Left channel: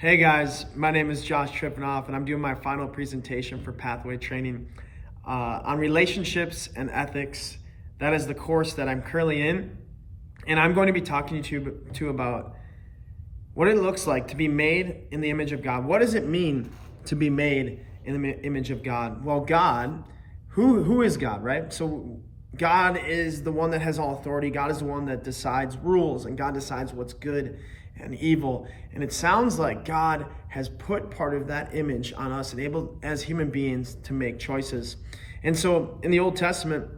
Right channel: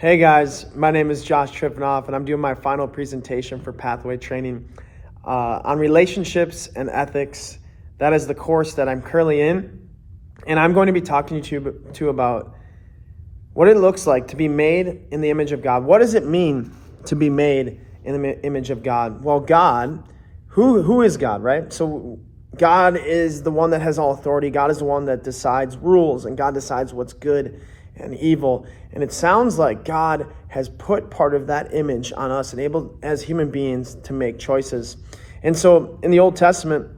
Hey guys, my name is Josh Triffenoff, and I'm doing my final presentation for Pathway Training on relationships and ethics. That is the course that I'm currently in, and I'm going to be talking to you about what it looks like to be made in the image of God. What does it mean to be made in the image of God? Well, God, who is God, right? So God is the one that has all authority. God is the one that decides rules, and God decides what's good and evil. And it sounds like God has put part of that image on us and able as human beings to make choices. And so in the Old Testament,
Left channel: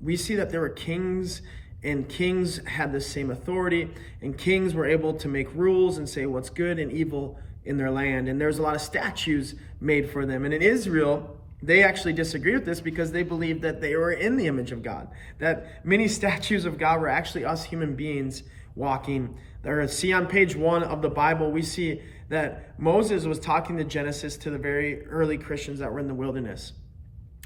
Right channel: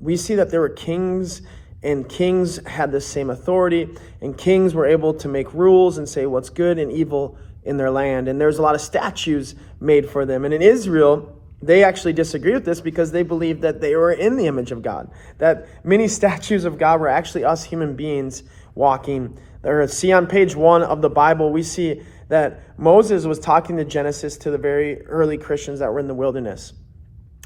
we see that there were kings, and kings had the same authority, and kings were able to make rules and say what's good and evil in their land. And there's a lot of statues made for them. And in Israel, they actually disagreed with this because they believed that they were in the image of God, that many statues of God were actually us human beings walking there. See, on page 1 of the Bible, we see that Moses was talking to Genesis to the very early Christians that were in the wilderness.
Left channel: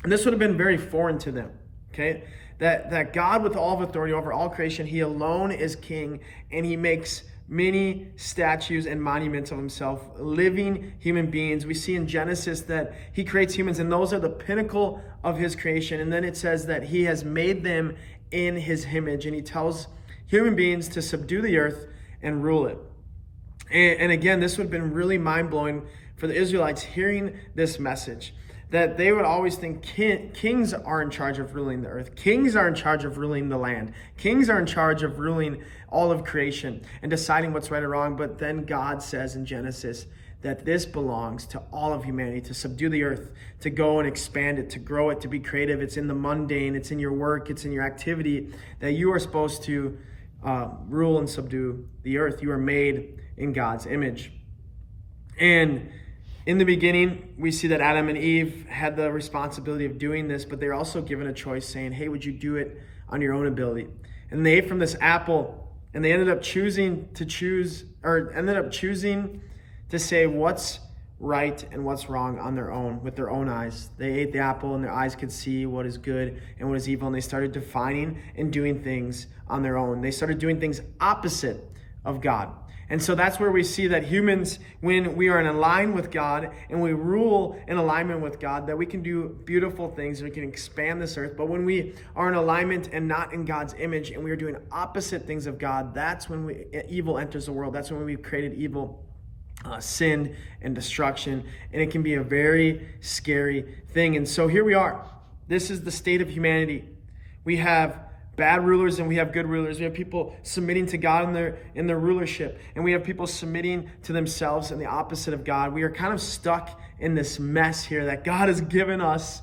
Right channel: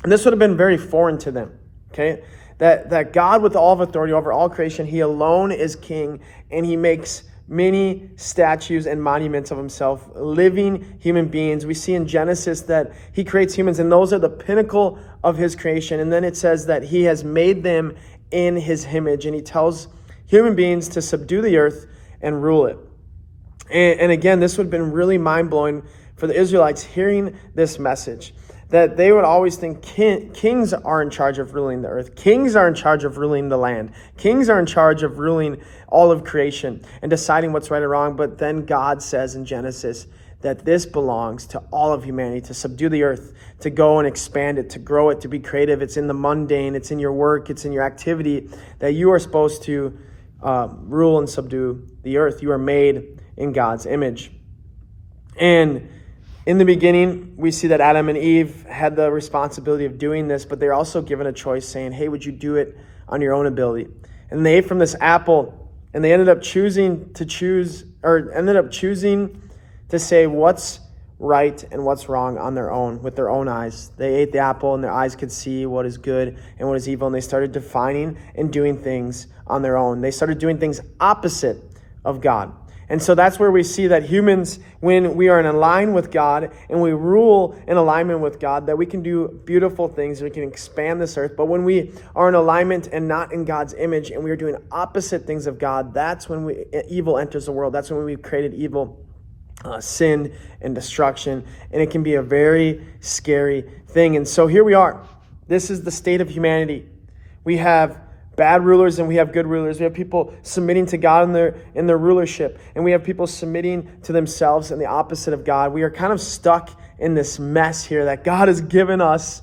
And this would have been very foreign to them, okay? That God with all of authority over all creation, he alone is king, and he makes many statues and monuments of himself, living human beings. We see in Genesis that he creates humans, and those are the pinnacle of his creation. And then it says that he has made them in his image, and he tells human beings to subdue the earth and rule it. And again, this would have been really mind-blowing for the Israelites hearing this message, that they would always think kings are in charge of ruling the earth. Kings are in charge of ruling the land. Kings are in charge of ruling all of creation and deciding what's right or wrong. But then God says in Genesis that this belongs to all of humanity, to subdue the earth, to go and expand it, to grow it, to be creative. It's in the mundane, it's in your work, it's in your activity that you are supposed to rule and subdue the earth. You are made in God's image. And in the beginning, we see that Adam and Eve had the responsibility of doing this, but they're also given a choice saying, hey, would you do it on your own ability? And they ate from this apple, and they ended up choosing to say what's right and what's wrong on their own, with their own eyes. They ate the apple, and their eyes could see what is good and what is evil, and they started defining and doing things on their own. They started doing things opposite of God. And so that's where we see that humans, when we are in line with God and we rule in alignment with God, that we can do beautiful things, we can expand this earth. But when we are in alignment and not in God's image and we are doing opposite things of God, that's when evil enters the world. That's when we've created evil, sin, and destruction. And it can be a very scary thing. And so here we are. This is the state of humanity. We have bad rulers and we have good rulers. We have people submitting to God in their rulership, and we have people submitting to themselves in the opposite of God. We are kind of stuck in this mess here that God has given us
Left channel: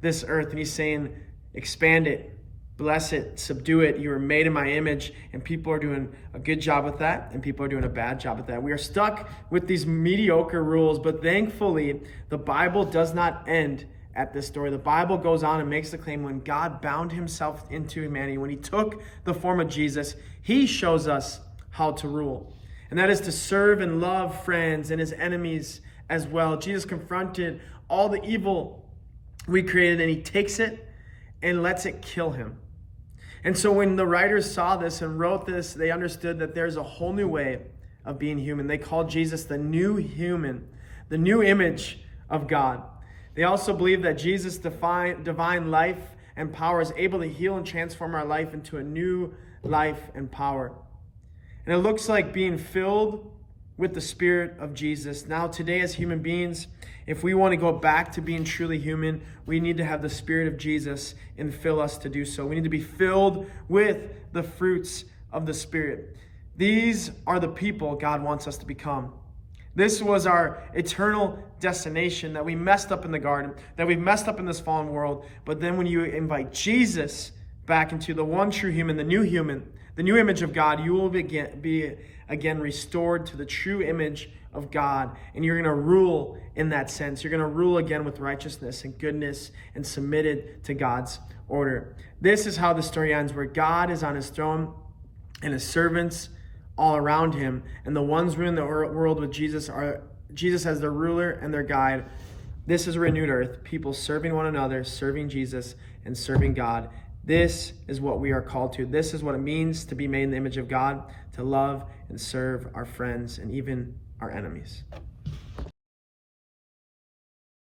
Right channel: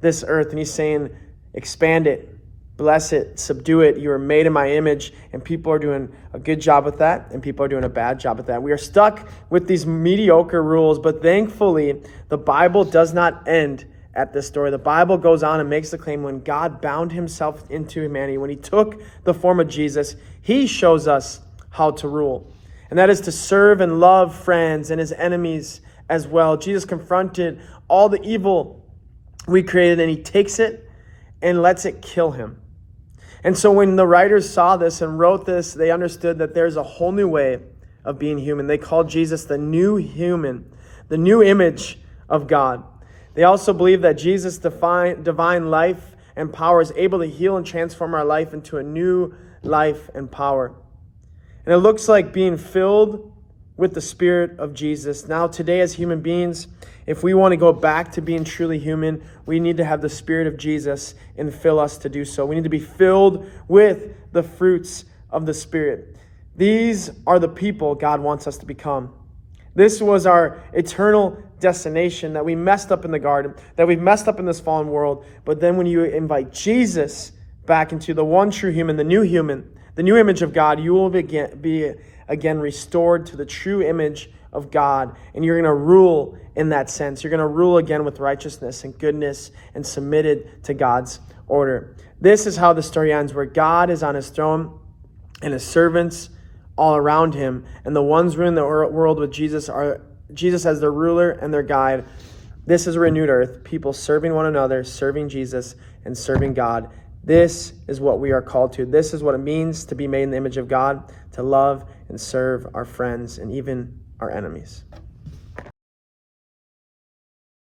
this earth, and he's saying, expand it, bless it, subdue it. You are made in my image, and people are doing a good job with that, and people are doing a bad job with that. We are stuck with these mediocre rules, but thankfully, the Bible does not end at this story. The Bible goes on and makes the claim when God bound himself into humanity, when he took the form of Jesus, he shows us how to rule. And that is to serve and love friends and his enemies as well. Jesus confronted all the evil we created, and he takes it and lets it kill him. And so when the writers saw this and wrote this, they understood that there's a whole new way of being human. They called Jesus the new human, the new image of God. They also believe that Jesus' divine life and power is able to heal and transform our life into a new life and power. And it looks like being filled with the Spirit of Jesus. Now, today as human beings, if we want to go back to being truly human, we need to have the Spirit of Jesus and fill us to do so. We need to be filled with the fruits of the Spirit. These are the people God wants us to become. This was our eternal destination, that we messed up in the garden, that we've messed up in this fallen world. But then when you invite Jesus back into the one true human, the new image of God, you will be again restored to the true image of God. And you're going to rule in that sense. You're going to rule again with righteousness and goodness and submitted to God's order. This is how the story ends, where God is on his throne and his servants all around him, and the ones ruling the world with Jesus are Jesus as their ruler and their guide. This is a renewed earth, people serving one another, serving Jesus, and serving God This is what we are called to. This is what it means to be made in the image of God, to love and serve our friends and even our enemies.